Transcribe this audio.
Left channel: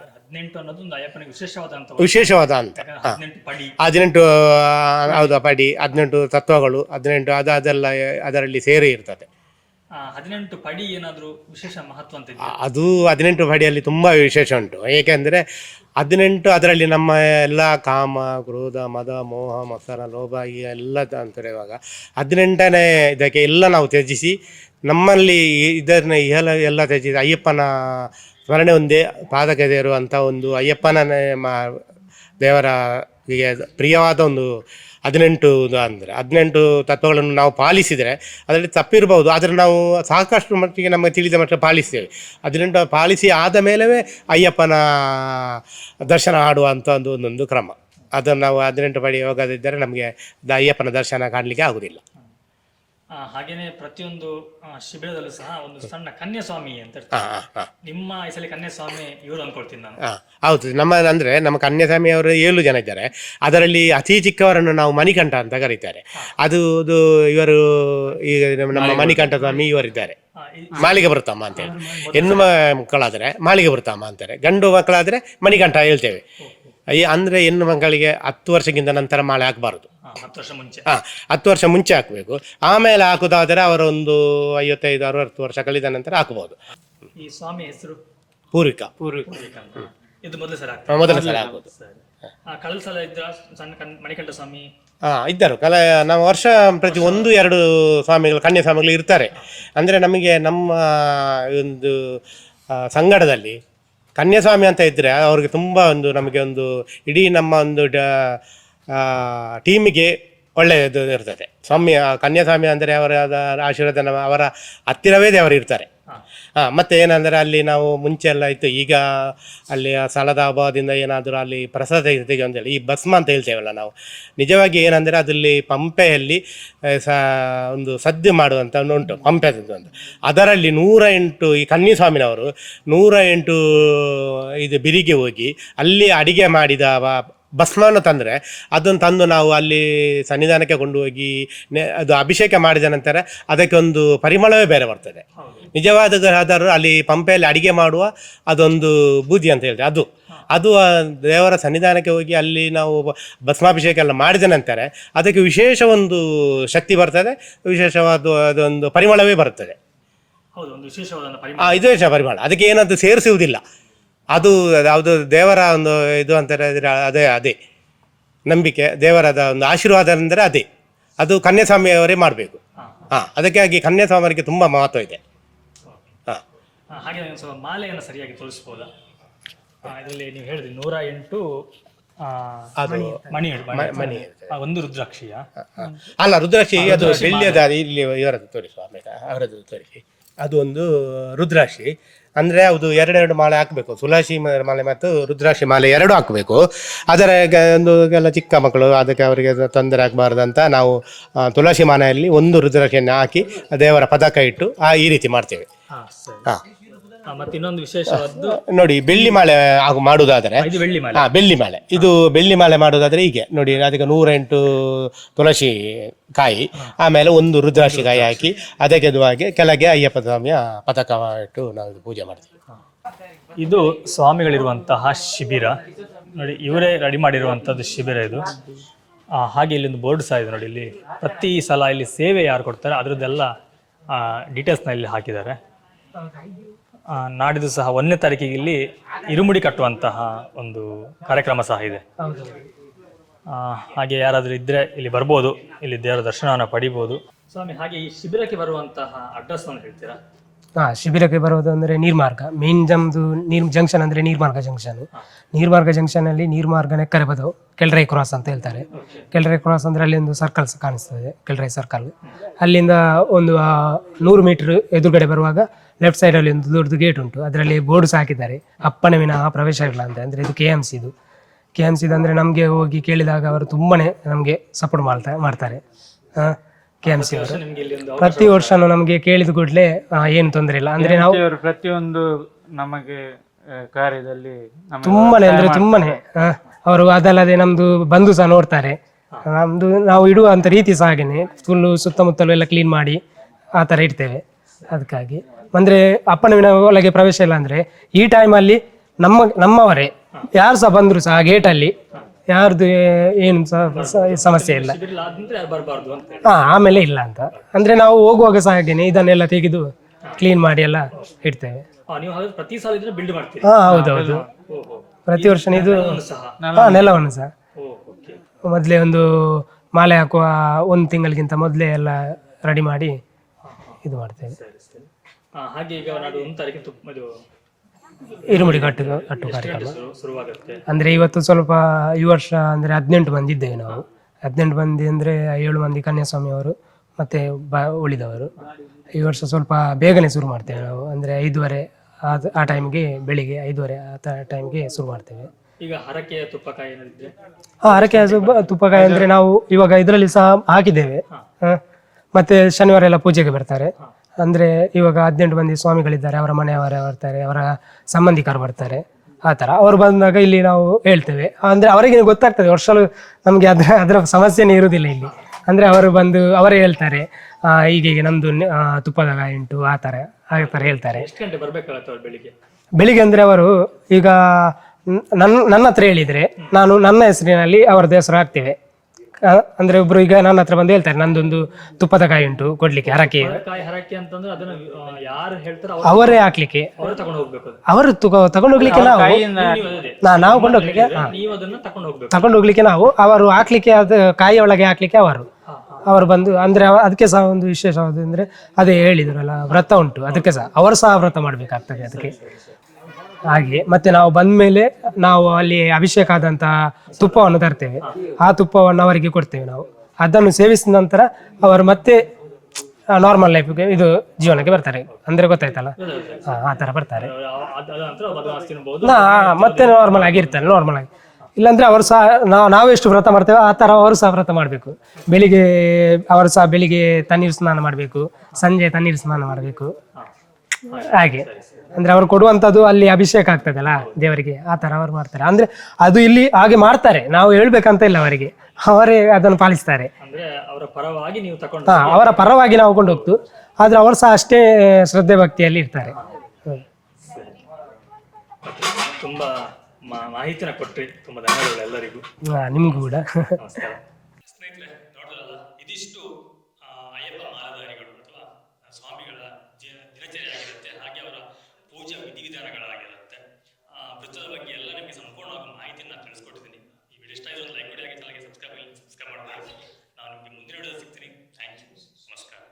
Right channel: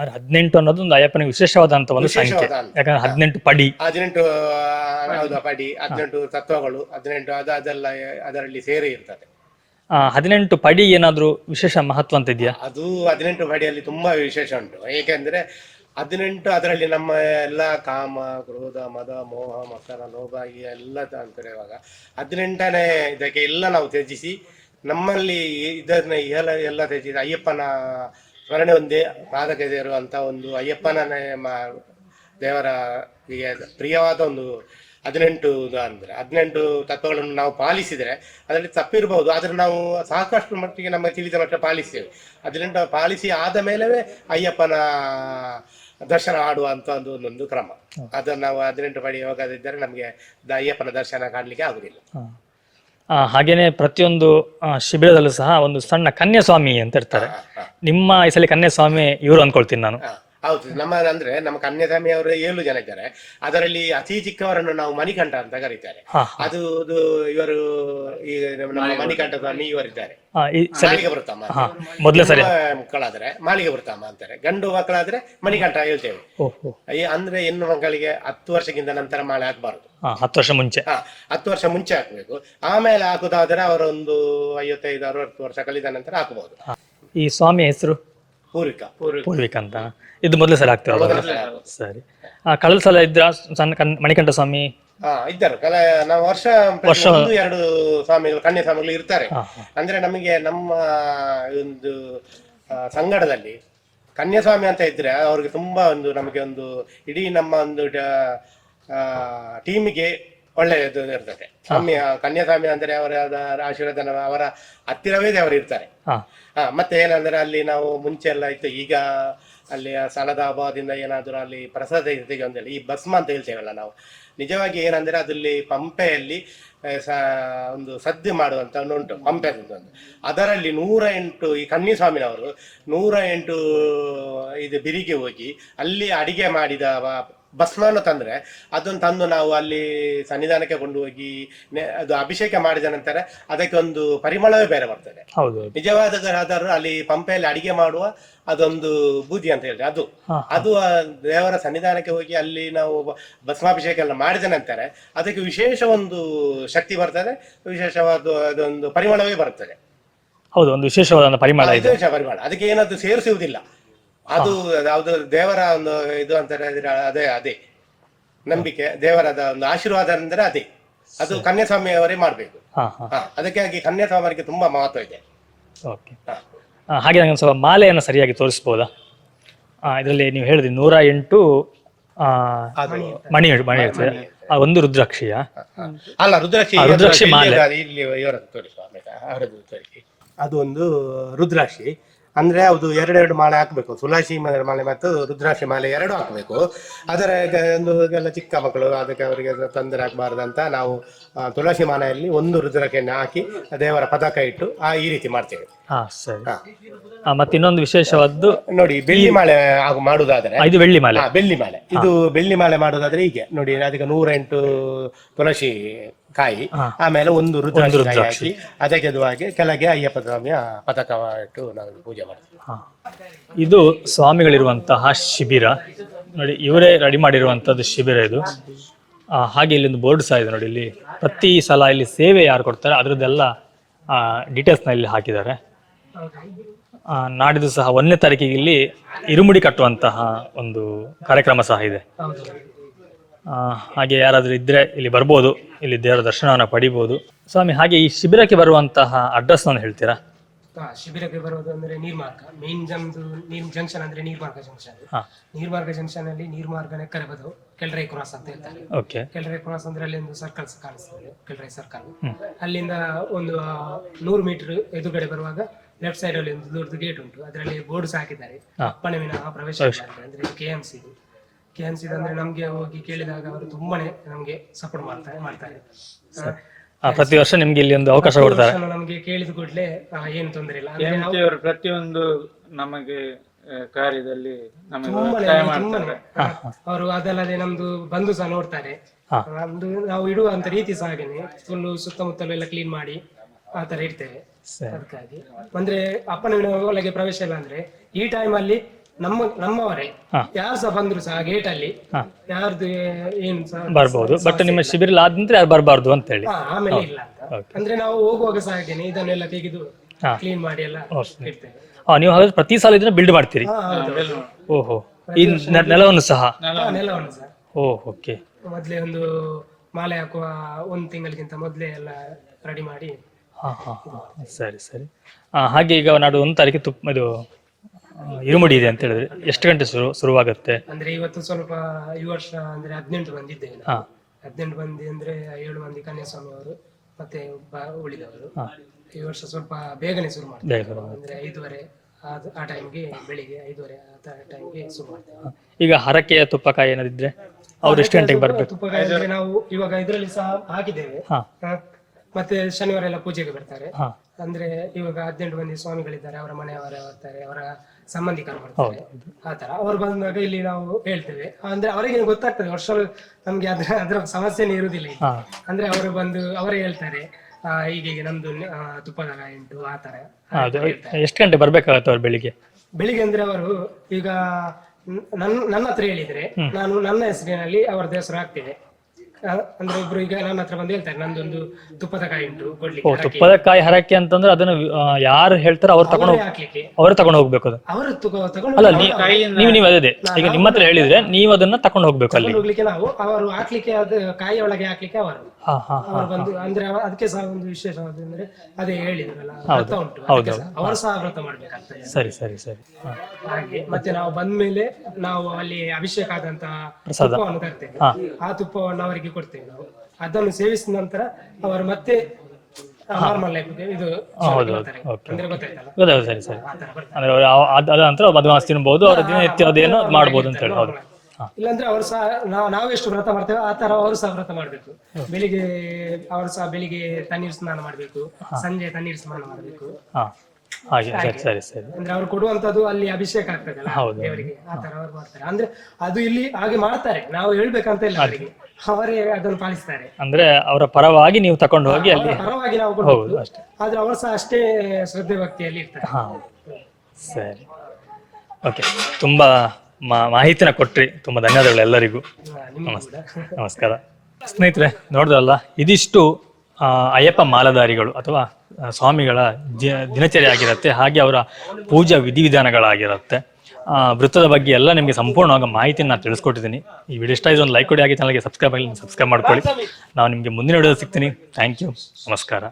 18 ಅನ್ನೋದು ಒಂದು ಅಯ್ಯಪ್ಪನಿಗೆ ವಿಶೇಷವಾದಂತ ಒಂದು ವಿಶೇಷವಾದ ಸಂಖ್ಯೆ. ಅಂತ. ಯಾಕಂದ್ರೆ 18 ಪಡಿ. 18 ಹೌದು ಪಡಿ, 18 ತತ್ವಗಳು, 18 ಅದೆಲ್ಲ ಅದರಲ್ಲಿ ಸೇರಿ ಇರ್ತದೆ. 18 ಪಡಿ ಏನಾದ್ರೂ ವಿಶೇಷ ಮಹತ್ವ ಅಂತ ಇದೆಯಾ? ಅದು 18 ಪಡಿಯಲ್ಲಿ ತುಂಬಾ ವಿಶೇಷ ಉಂಟು. ಏಕೆಂದ್ರೆ 18 ಅದರಲ್ಲಿ ನಮ್ಮ ಎಲ್ಲ ಕಾಮ, ಕ್ರೋಧ, ಮದ, ಮೋಹ, ಮತ್ಸರ, ಲೋಭ ಈ ಎಲ್ಲ ಅಂತಾರೆ. ಇವಾಗ 18ನೇ ಇದಕ್ಕೆ ಎಲ್ಲ ನಾವು ತ್ಯಜಿಸಿ ನಮ್ಮಲ್ಲಿ ಇದನ್ನ ಎಲ್ಲ ತ್ಯಜಿಸಿ ಅಯ್ಯಪ್ಪನ ಸ್ಮರಣೆ ಒಂದೇ ಪಾದಕ್ಕೆ ಸೇರುವಂಥ ಒಂದು ಅಯ್ಯಪ್ಪನ ದೇವರ ಹೀಗೆ ಪ್ರಿಯವಾದ ಒಂದು 18 ಅಂದರೆ 18 ತತ್ವಗಳನ್ನು ನಾವು ಪಾಲಿಸಿದರೆ ಅದರಲ್ಲಿ ತಪ್ಪಿರಬಹುದು, ಆದರೆ ನಾವು ಸಾಕಷ್ಟು ಮಟ್ಟಿಗೆ ನಮಗೆ ತಿಳಿದ ಮಟ್ಟಿಗೆ ಪಾಲಿಸ್ತೇವೆ. 18 ಪಾಲಿಸಿ ಆದ ಮೇಲೇ ಅಯ್ಯಪ್ಪನ ದರ್ಶನ ಆಡುವಂಥ ಒಂದೊಂದು ಕ್ರಮ. ಅದನ್ನು ನಾವು 18 ಪಡಿ ಹೋಗದಿದ್ದರೆ ನಮಗೆ ಅಯ್ಯಪ್ಪನ ದರ್ಶನ ಕಾಣಲಿಕ್ಕೆ ಆಗುವುದಿಲ್ಲ. ಹಾಗೇನೆ ಪ್ರತಿಯೊಂದು ಶಿಬಿರದಲ್ಲೂ ಸಹ ಒಂದು ಸಣ್ಣ ಕನ್ಯಾಸ್ವಾಮಿ ಅಂತ ಇರ್ತಾರೆ. ನಿಮ್ಮ ಈ ಸಲ ಕನ್ಯಾಸ್ವಾಮಿ ಇವರು ಅನ್ಕೊಳ್ತೀನಿ ನಾನು. ಹೌದು, ನಮ್ಮ ಕನ್ಯಾಸ್ವಾಮಿ ಅವರು 7 ಜನ ಇದ್ದಾರೆ. ಅದರಲ್ಲಿ ಅತಿ ಚಿಕ್ಕವರನ್ನು ನಾವು ಮಣಿಕಂಠ ಅಂತ ಕರೀತಾರೆ. ಅದು ಇವರು ಈಗ ನಮ್ಮ ಮಣಿಕಂಠ ಸ್ವಾಮಿ ಇವರಿದ್ದಾರೆ. ಮಾಳಿಗೆ ಬರುತ್ತಮ್ಮ ಅಂತ ಮಕ್ಕಳಾದ್ರೆ ಮಾಳಿಗೆ ಬರುತ್ತಮ್ಮ ಅಂತಾರೆ, ಗಂಡು ಮಕ್ಕಳಾದ್ರೆ ಮಣಿಕಂಠ ಹೇಳ್ತೇವೆ. ಅಂದ್ರೆ ಹೆಣ್ಣು ಮಕ್ಕಳಿಗೆ 10 ವರ್ಷಕ್ಕಿಂತ ನಂತರ ಮಾಳೆ ಹಾಕಬಾರದು. 10 ವರ್ಷ ಮುಂಚೆ 10 ವರ್ಷ ಮುಂಚೆ ಹಾಕಬೇಕು. ಆಮೇಲೆ ಹಾಕುದಾದ್ರೆ ಅವರೊಂದು 55-60 ವರ್ಷ ಕಳೆದ ನಂತರ ಹಾಕಬಹುದು. ಈ ಸ್ವಾಮಿಯ ಹೆಸರು ಪೂರ್ವಿಕ ಅಂತ. ಇದು ಮೊದಲ ಸಲ ಆಗ್ತದೆ. ಸರಿ. ಕಳೆದ ಸಲ ಇದ್ರ ಮಣಿಕಂಠ ಸ್ವಾಮಿ ಇದ್ದಾರೆ. ನಾವು ವರ್ಷ ಪ್ರತಿ 1-2 ಸ್ವಾಮಿಗಳು ಕನ್ಯಾ ಸ್ವಾಮಿಗಳು ಇರ್ತಾರೆ. ಅಂದ್ರೆ ನಮಗೆ ನಮ್ಮ ಒಂದು ಸಂಗಡದಲ್ಲಿ ಕನ್ಯಾಸ್ವಾಮಿ ಅಂತ ಇದ್ರೆ ಅವ್ರಿಗೆ ತುಂಬಾ ನಮಗೆ ಇಡೀ ನಮ್ಮ ಒಂದು ಟೀಮಿಗೆ ಒಳ್ಳೆಯದು ಇರ್ತದೆ. ಸ್ವಾಮಿ ಕನ್ಯಾಸ್ವಾಮಿ ಅಂದರೆ ಅವರ ಆಶೀರ್ವಾದ ಅವರ ಹತ್ತಿರವೇ ದೇವರು ಇರ್ತಾರೆ. ಮತ್ತೆ ಏನಂದ್ರೆ ಅಲ್ಲಿ ನಾವು ಮುಂಚೆ ಎಲ್ಲ ಇತ್ತು, ಈಗ ಅಲ್ಲಿ ಸ್ಥಳದ ಅಭಾವದಿಂದ ಏನಾದರೂ ಅಲ್ಲಿ ಪ್ರಸಾದ ತೆಗೆಯೊಂದಿಲ್ಲ. ಈ ಭಸ್ಮ ಅಂತ ಹೇಳ್ತೇವಲ್ಲ ನಾವು, ನಿಜವಾಗಿ ಏನಂದ್ರೆ ಅದಲ್ಲಿ ಪಂಪೆಯಲ್ಲಿ ಒಂದು ಸದ್ಯ ಮಾಡುವಂತ ಉಂಟು ಪಂಪೆ ಒಂದು. ಅದರಲ್ಲಿ 108 ಈ ಕನ್ಯಾಸ್ವಾಮಿನವರು 108 ಇದು ಬಿರಿಗೆ ಹೋಗಿ ಅಲ್ಲಿ ಅಡಿಗೆ ಮಾಡಿದ ಭಸ್ಮವನ್ನು ತಂದರೆ ಅದನ್ನು ತಂದು ನಾವು ಅಲ್ಲಿ ಸನ್ನಿಧಾನಕ್ಕೆ ಕೊಂಡು ಹೋಗಿ ಅದು ಅಭಿಷೇಕ ಮಾಡಿದ ನಂತರ ಅದಕ್ಕೆ ಒಂದು ಪರಿಮಳವೇ ಬೇರೆ ಬರ್ತದೆ. ನಿಜವಾದರೂ ಅಲ್ಲಿ ಪಂಪೆಯಲ್ಲಿ ಅಡಿಗೆ ಮಾಡುವ ಅದೊಂದು ಬೂದಿ ಅಂತ ಹೇಳ್ತೇವೆ, ಅದು ದೇವರ ಸನ್ನಿಧಾನಕ್ಕೆ ಹೋಗಿ ಅಲ್ಲಿ ನಾವು ಭಸ್ಮಾಭಿಷೇಕ ಎಲ್ಲ ಮಾಡಿದ ನಂತರ ಅದಕ್ಕೆ ವಿಶೇಷ ಒಂದು ಶಕ್ತಿ ಬರ್ತದೆ, ವಿಶೇಷವಾದ ಅದೊಂದು ಪರಿಮಳವೇ ಬರ್ತದೆ. ಹೌದು, ಒಂದು ವಿಶೇಷವಾದ ಪರಿಮಳ, ವಿಶೇಷ ಪರಿಮಳ. ಅದಕ್ಕೆ ಏನದು ಸೇರಿಸುವುದಿಲ್ಲ, ಅದು ಯಾವುದು ದೇವರ ಒಂದು ಇದು ಅಂತ ಹೇಳಿದ್ರೆ ಅದೇ ನಂಬಿಕೆ, ದೇವರದ ಒಂದು ಆಶೀರ್ವಾದ ಅಂದರೆ ಅದೇ. ಅದು ಕನ್ಯಾಸ್ವಾಮಿಯವರೇ ಮಾಡಬೇಕು. ಅದಕ್ಕಾಗಿ ಕನ್ಯಾಸ್ವಾಮಿಗೆ ತುಂಬಾ ಮಹತ್ವ ಇದೆ. ಹಾಗೆ ನಂಗೆ ಸ್ವಲ್ಪ ಮಾಲೆಯನ್ನು ಸರಿಯಾಗಿ ತೋರಿಸ್ಬೋದಾ? ಇದರಲ್ಲಿ ನೀವು ಹೇಳಿದ್ರಿ 108 ಮಣಿ ಇರ್ತದೆ. ಒಂದು ರುದ್ರಾಕ್ಷಿಯ ಅಲ್ಲ, ರುದ್ರಾಕ್ಷಿ ಮಾಲೆ ಅದು ಒಂದು ರುದ್ರಾಕ್ಷಿ ಅಂದ್ರೆ ಅದು 2 ಮಾಲೆ ಹಾಕಬೇಕು. ತುಳಸಿ ಮಾಲೆ ಮತ್ತು ರುದ್ರಾಕ್ಷಿ ಮಾಲೆ 2 ಹಾಕಬೇಕು. ಅದರ ಎಲ್ಲ ಚಿಕ್ಕ ಮಕ್ಕಳು ಅದಕ್ಕೆ ಅವರಿಗೆ ತೊಂದರೆ ಆಗಬಾರ್ದಂತ ನಾವು ತುಳಸಿ ಮಾಲೆಯಲ್ಲಿ 1 ರುದ್ರಾಕ್ಷಿಯನ್ನು ಹಾಕಿ ದೇವರ ಪದಕ ಇಟ್ಟು ಈ ರೀತಿ ಮಾಡ್ತೇವೆ. ಮತ್ತೆ ಇನ್ನೊಂದು ವಿಶೇಷವಾದ್ದು ನೋಡಿ, ಬೆಳ್ಳಿ ಮಾಲೆ ಮಾಡುವುದಾದ್ರೆ ಇದು ಬೆಳ್ಳಿ ಮಾಲೆ. ಇದು ಬೆಳ್ಳಿ ಮಾಲೆ ಮಾಡುವುದಾದ್ರೆ ಹೀಗೆ ನೋಡಿ, ಅದಕ್ಕೆ 108 ತುಳಸಿ ಕಾಯಿ, ಆಮೇಲೆ 1 ರುದ್ರಾಕ್ಷಿ ಕಾಯಿ ಹಾಕಿ ಅದಕ್ಕೆ ಹಾಗೆ ಕೆಳಗೆ ಅಯ್ಯಪ್ಪ ಸ್ವಾಮಿಯ ಪತಾಕ ಇಟ್ಟು ನಾವು ಪೂಜೆ ಮಾಡ್ತೀವಿ. ಇದು ಸ್ವಾಮಿಗಳಿರುವಂತಹ ಶಿಬಿರ ನೋಡಿ, ಇವರೇ ರೆಡಿ ಮಾಡಿರುವಂತದ್ದು ಶಿಬಿರ ಇದು. ಹಾಗೆ ಇಲ್ಲೊಂದು ಬೋರ್ಡ್ ಸಹ ಇದೆ ನೋಡಿ. ಇಲ್ಲಿ ಪ್ರತಿ ಸಲ ಇಲ್ಲಿ ಸೇವೆ ಯಾರು ಕೊಡ್ತಾರೆ ಅದರದ್ದೆಲ್ಲ ಡೀಟೇಲ್ಸ್ನ ಇಲ್ಲಿ ಹಾಕಿದ್ದಾರೆ. ನಾಡಿದ್ದು ಸಹ 1ನೇ ತಾರೀಕಿಗೆ ಇಲ್ಲಿ ಇರುಮುಡಿ ಕಟ್ಟುವಂತಹ ಒಂದು ಕಾರ್ಯಕ್ರಮ ಸಹ ಇದೆ. ಹಾಗೆ ಯಾರಾದರೂ ಇದ್ರೆ ಇಲ್ಲಿ ಬರ್ಬೋದು, ಇಲ್ಲಿ ದೇವರ ದರ್ಶನವನ್ನು ಪಡಿಬೋದು. ಸ್ವಾಮಿ, ಹಾಗೆ ಈ ಶಿಬಿರಕ್ಕೆ ಬರುವಂತಹ ಅಡ್ರೆಸ್ ನಾನು ಹೇಳ್ತೀರಾ? ಶಿಬಿರಕ್ಕೆ ಬರೋದು ಅಂದ್ರೆ ನೀರ್ಮಾರ್ಗ ಮೇನ್ ಜಂಕ್ಷನ್ ಅಂದ್ರೆ ನೀರ್ಮಾರ್ಗ ಜಂಕ್ಷನ್. ನೀರ್ಮಾರ್ಗ ಜಂಕ್ಷನ್ ಅಲ್ಲಿ ನೀರ್ಮಾರ್ಗ ನೆಕ್ಕರೆ ಬದು ಕೆಳರೈ ಕ್ರಾಸ್ ಅಂತ ಹೇಳ್ತಾರೆ. ಕೆಳರೈ ಕ್ರಾಸ್ ಅಂದ್ರೆ ಅಲ್ಲಿ ಒಂದು ಸರ್ಕಲ್ ಕಾಣಿಸ್ತದೆ, ಕೆಳರೈ ಸರ್ಕಲ್. ಅಲ್ಲಿಂದ ಒಂದು 100 ಮೀಟರ್ ಎದುರುಗಡೆ ಬರುವಾಗ ಲೆಫ್ಟ್ ಸೈಡ್ ಅಲ್ಲಿ ಒಂದು ದೊಡ್ಡ ಗೇಟ್ ಉಂಟು. ಅದರಲ್ಲಿ ಬೋರ್ಡ್ಸ್ ಹಾಕಿದ್ದಾರೆ, ಅಪ್ಪನ ವಿನ ಪ್ರವೇಶ ಇಲ್ಲ ಅಂತ. ಅಂದ್ರೆ ಇದು KMC ಅಂದ್ರೆ ನಮ್ಗೆ ಹೋಗಿ ಕೇಳಿದಾಗ ಅವರು ತುಂಬಾನೇ ನಮ್ಗೆ ಸಪೋರ್ಟ್ ಮಾಡ್ತಾರೆ. ಪ್ರತಿ ವರ್ಷ ನಿಮ್ಗೆ ಇಲ್ಲಿ ಒಂದು ಅವಕಾಶ, ಪ್ರತಿ ವರ್ಷ ನಮ್ಗೆ ಕೇಳಿದ ಕೂಡಲೇ ಏನು ತೊಂದರೆ ಇಲ್ಲ. ಅಂದ್ರೆ ನಾವು ಪ್ರತಿಯೊಂದು ನಮಗೆ ಕಾರ್ಯದಲ್ಲಿ ತುಂಬಾನೇ ಅವರು ಅದಲ್ಲದೆ ನಮ್ದು ಬಂಧು ಸಹ ನೋಡ್ತಾರೆ. ನಮ್ದು ನಾವು ಇಡುವಂತ ರೀತಿ ಸಹ ಹಾಗೇನೆ ಫುಲ್ ಸುತ್ತಮುತ್ತಲು ಎಲ್ಲ ಕ್ಲೀನ್ ಮಾಡಿ ಆ ತರ ಇಡ್ತೇವೆ. ಅದಕ್ಕಾಗಿ ಅಂದ್ರೆ ಅಪ್ಪನ ಒಳಗೆ ಪ್ರವೇಶ ಇಲ್ಲ ಅಂದ್ರೆ ಈ ಟೈಮಲ್ಲಿ ನಮ್ಮವರೇ ಯಾರು ಸಹ ಬಂದ್ರು ಸಹ ಗೇಟ್ ಅಲ್ಲಿ ಯಾರ್ದು ಏನು ಸಹ ಸಮಸ್ಯೆ ನಿಮ್ಮ ಇಲ್ಲ. ಶಿಬಿರ ಆದಂದ್ರೆ ಯಾರು ಬರಬಾರ್ದು ಅಂತ ಹೇಳಿ. ಆಮೇಲೆ ಇಲ್ಲ ಅಂತ ಅಂದ್ರೆ ನಾವು ಹೋಗುವಾಗ ಸಹ ಹಾಗೇನೆ ಇದನ್ನೆಲ್ಲ ತೆಗೆದು ಕ್ಲೀನ್ ಮಾಡಿ ಎಲ್ಲ ಇಡ್ತೇವೆ. ನೀವು ಹಾಗಾದ್ರೆ ಪ್ರತಿ ಸಾಲ ಇದನ್ನ ಬಿಲ್ಡ್ ಮಾಡ್ತೀರಿ? ಹೌದೌದು, ಓಹೋ, ಪ್ರತಿ ವರ್ಷ ನೆಲವನ್ನು ಸಹ? ನೆಲವನ್ನು ಸಹ ಓಹ್, ಓಕೆ. ಮೊದಲೇ ಒಂದು ಮಾಲೆ ಹಾಕುವ 1 ತಿಂಗಳಿಗಿಂತ ಮೊದಲೇ ಎಲ್ಲ ರೆಡಿ ಮಾಡಿ ಇದು ಮಾಡ್ತೇವೆ. ಸರಿ ಸರಿ. ಹಾಗೆ ಈಗ ನಾಡು 1 ತಾರೀಕು ಇದು ಇರುಮುಡಿ ಇದೆ ಅಂತ ಹೇಳಿದ್ರೆ ಎಷ್ಟು ಗಂಟೆ ಶುರುವಾಗುತ್ತೆ? ಅಂದ್ರೆ ಇವತ್ತು ಸ್ವಲ್ಪ ಈ ವರ್ಷ ಅಂದ್ರೆ 18 ಮಂದಿ ಇದ್ದೇವೆ ನಾವು. 18 ಮಂದಿ ಅಂದ್ರೆ 7 ಮಂದಿ ಕನ್ಯಾಸ್ವಾಮಿ ಅವರು ಮತ್ತೆ ಉಳಿದವರು. ಈ ವರ್ಷ ಸ್ವಲ್ಪ ಬೇಗನೆ ಶುರು ಮಾಡ್ತೇವೆ ನಾವು. ಅಂದ್ರೆ 5:30 ಆ ಟೈಮ್ಗೆ, ಬೆಳಿಗ್ಗೆ 5:30 ಆ ಟೈಮ್ಗೆ ಶುರು ಮಾಡ್ತೇವೆ. ಈಗ ಹರಕೆಯ ತುಪ್ಪಕಾಯಿ ಏನಾದಿದ್ರೆ? ಹರಕೆ ತುಪ್ಪಕಾಯಿ ಅಂದ್ರೆ ನಾವು ಇವಾಗ ಇದರಲ್ಲಿ ಸಹ ಹಾಕಿದ್ದೇವೆ. ಮತ್ತೆ ಶನಿವಾರ ಎಲ್ಲ ಪೂಜೆಗೆ ಬರ್ತಾರೆ. ಅಂದ್ರೆ ಇವಾಗ 18 ಮಂದಿ ಸ್ವಾಮಿಗಳಿದ್ದಾರೆ, ಅವರ ಮನೆಯವರೇ ಬರ್ತಾರೆ, ಅವರ ಸಂಬಂಧಿಕರು ಬರ್ತಾರೆ. ಆ ತರ ಅವರು ಬಂದಾಗ ಇಲ್ಲಿ ನಾವು ಹೇಳ್ತೇವೆ. ಅಂದ್ರೆ ಅವರಿಗೆ ಗೊತ್ತಾಗ್ತದೆ ವರ್ಷಲು ನಮ್ಗೆ ಅದರ ಸಮಸ್ಯೆನೇ ಇರುವುದಿಲ್ಲ ಇಲ್ಲಿ. ಅಂದ್ರೆ ಅವರು ಬಂದು ಅವರೇ ಹೇಳ್ತಾರೆ, ಹೀಗೆ ನಮ್ದು ತುಪ್ಪದ ಕಾಯಿ ಉಂಟು, ಆ ತರ ಹೇಳ್ತಾರೆ. ಎಷ್ಟು ಗಂಟೆ ಬರ್ಬೇಕಾಗತ್ತೆ ಅವ್ರು ಬೆಳಿಗ್ಗೆ? ಬೆಳಿಗ್ಗೆ ಅಂದ್ರೆ ಅವರು ಈಗ ನನ್ನ ಹತ್ರ ಹೇಳಿದ್ರೆ ನಾನು ನನ್ನ ಹೆಸರಿನಲ್ಲಿ ಅವರದ್ದು ಹೆಸರು ಹಾಕ್ತೇವೆ. ಅಂದ್ರೆ ಒಬ್ರು ಈಗ ನನ್ನ ಹತ್ರ ಬಂದು ಹೇಳ್ತಾರೆ, ನಂದೊಂದು ತುಪ್ಪದ ಕಾಯಿ ಉಂಟು ಕೊಡ್ಲಿಕ್ಕೆ, ಹರಕೆ. ತುಪ್ಪದಕಾಯಿ ಹರಕೆ ಅಂತಂದ್ರೆ ಅದನ್ನ ಯಾರು ಹೇಳ್ತಾರೆ ಅವರೇ ಹಾಕ್ಲಿಕ್ಕೆ, ಅವರೇ ತಗೊಂಡು ಹೋಗ್ಬೇಕು. ಅವರು ತಗೊಂಡು ಹೋಗ್ಲಿಕ್ಕೆ ಹೇಳಿದ್ರೆ ನೀವು ಅದನ್ನ ತಗೊಂಡು ಹೋಗ್ಬೇಕು. ತಗೊಂಡು ಹೋಗ್ಲಿಕ್ಕೆ ನಾವು, ಅವರು ಹಾಕ್ಲಿಕ್ಕೆ ಅದು ಕಾಯಿ ಒಳಗೆ ಹಾಕ್ಲಿಕ್ಕೆ ಅವರು ಬಂದು ಅಂದ್ರೆ ಅದಕ್ಕೆ ಸಹ ಒಂದು ವಿಶೇಷವಾದ ಅಂದ್ರೆ ಅದೇ ಹೇಳಿದ್ರಲ್ಲ ವ್ರತ ಉಂಟು, ಅದಕ್ಕೆ ಸಹ ಅವರು ಸಹ ವ್ರತ ಮಾಡ್ಬೇಕಾಗ್ತದೆ. ಸರಿ ಸರಿ ಸರಿ. ಹಾಗೆ ಮತ್ತೆ ನಾವು ಬಂದ್ಮೇಲೆ ನಾವು ಅಲ್ಲಿ ಅಭಿಷೇಕ ಆದಂತಹ ತುಪ್ಪವನ್ನು ತರ್ತೇವೆ. ಆ ತುಪ್ಪವನ್ನು ಅವರಿಗೆ ಕೊಡ್ತೇವೆ ನಾವು. ಅದನ್ನು ಸೇವಿಸಿದ ನಂತರ ಅವರು ಮತ್ತೆ ನಾರ್ಮಲ್ ಲೈಫ್ಗೆ ಇದು ಜೀವನಕ್ಕೆ ಬರ್ತಾರೆ. ಅಂದ್ರೆ ಗೊತ್ತಾಯ್ತಲ್ಲ, ಆ ತರ ಬರ್ತಾರೆ. ನಾರ್ಮಲ್ ಆಗಿರ್ತಾರೆ, ನಾರ್ಮಲ್ ಆಗಿ. ಇಲ್ಲಾಂದ್ರೆ ಅವರು ಸಹ ನಾವು ಎಷ್ಟು ವ್ರತ ಮಾಡ್ತೇವೆ ಆ ತರ ಅವರು ಸಹ ವ್ರತ ಮಾಡ್ಬೇಕು. ಬೆಳಿಗ್ಗೆ ಅವರು ಸಹ ಬೆಳಿಗ್ಗೆ ತಣ್ಣೀರು ಸ್ನಾನ ಮಾಡ್ಬೇಕು, ಸಂಜೆ ತಣ್ಣೀರು ಸ್ನಾನ ಮಾಡ್ಬೇಕು. ಹಾಗೆ ಅಂದ್ರೆ ಅವರು ಕೊಡುವಂತದ್ದು ಅಲ್ಲಿ ಅಭಿಷೇಕ ಆಗ್ತದಲ್ಲ ದೇವರಿಗೆ, ಆ ತರ ಅವರು ಮಾಡ್ತಾರೆ. ಅಂದ್ರೆ ಅದು ಇಲ್ಲಿ ಹಾಗೆ ಮಾಡ್ತಾರೆ, ನಾವು ಹೇಳ್ಬೇಕಂತ ಇಲ್ಲ ಅವರಿಗೆ, ಅವರೇ ಅದನ್ನು ಪಾಲಿಸ್ತಾರೆ. ಅಂದ್ರೆ ಅವರ ಪರವಾಗಿ ನೀವು ತಕೊಂಡು ಹೋಗಿ, ಅವರ ಪರವಾಗಿ ನಾವು ಕೊಂಡು ಹೋಗ್ತು. ಆದ್ರೆ ಅವರು ಸಹ ಅಷ್ಟೇ ಶ್ರದ್ಧೆ ಭಕ್ತಿಯಲ್ಲಿ ಇರ್ತಾರೆ. ಸರಿ, ಓಕೆ. ತುಂಬಾ ಮಾಹಿತಿನ ಕೊಟ್ರಿ, ತುಂಬಾ ಧನ್ಯವಾದಗಳು ಎಲ್ಲರಿಗೂ. ನಿಮ್ಗೂ ಕೂಡ ನಮಸ್ಕಾರ. ಸ್ನೇಹಿತರೆ, ನೋಡಿದ್ರಲ್ಲ, ಇದಿಷ್ಟು ಅಯ್ಯಪ್ಪ ಮಾಲಧಾರಿಗಳು ಅಥವಾ ಸ್ವಾಮಿಗಳ ದಿನಚರಿ ಆಗಿರುತ್ತೆ. ಹಾಗೆ ಅವರ ಪೂಜಾ ವಿಧಿವಿಧಾನಗಳಾಗಿರುತ್ತೆ. ವೃತ್ತದ ಬಗ್ಗೆ ಎಲ್ಲ ನಿಮಗೆ ಸಂಪೂರ್ಣವಾಗಿ ಮಾಹಿತಿಯನ್ನು ನಾನು ತಿಳಿಸ್ಕೊಟ್ಟಿದ್ದೀನಿ. ಈ ವಿಡಿಯೋ ಇಷ್ಟ ಆಗಿದೆ ಒಂದು ಲೈಕ್ ಕೊಡಿ, ಹಾಗೆ ಚಾನಲ್ಗೆ ಸಬ್ಸ್ಕ್ರೈಬ್ ಮಾಡ್ಕೊಳ್ಳಿ. ನಾವು ನಿಮಗೆ ಮುಂದಿನ ವಿಡಿಯೋ ಸಿಗ್ತೀನಿ. ಥ್ಯಾಂಕ್ ಯು, ನಮಸ್ಕಾರ.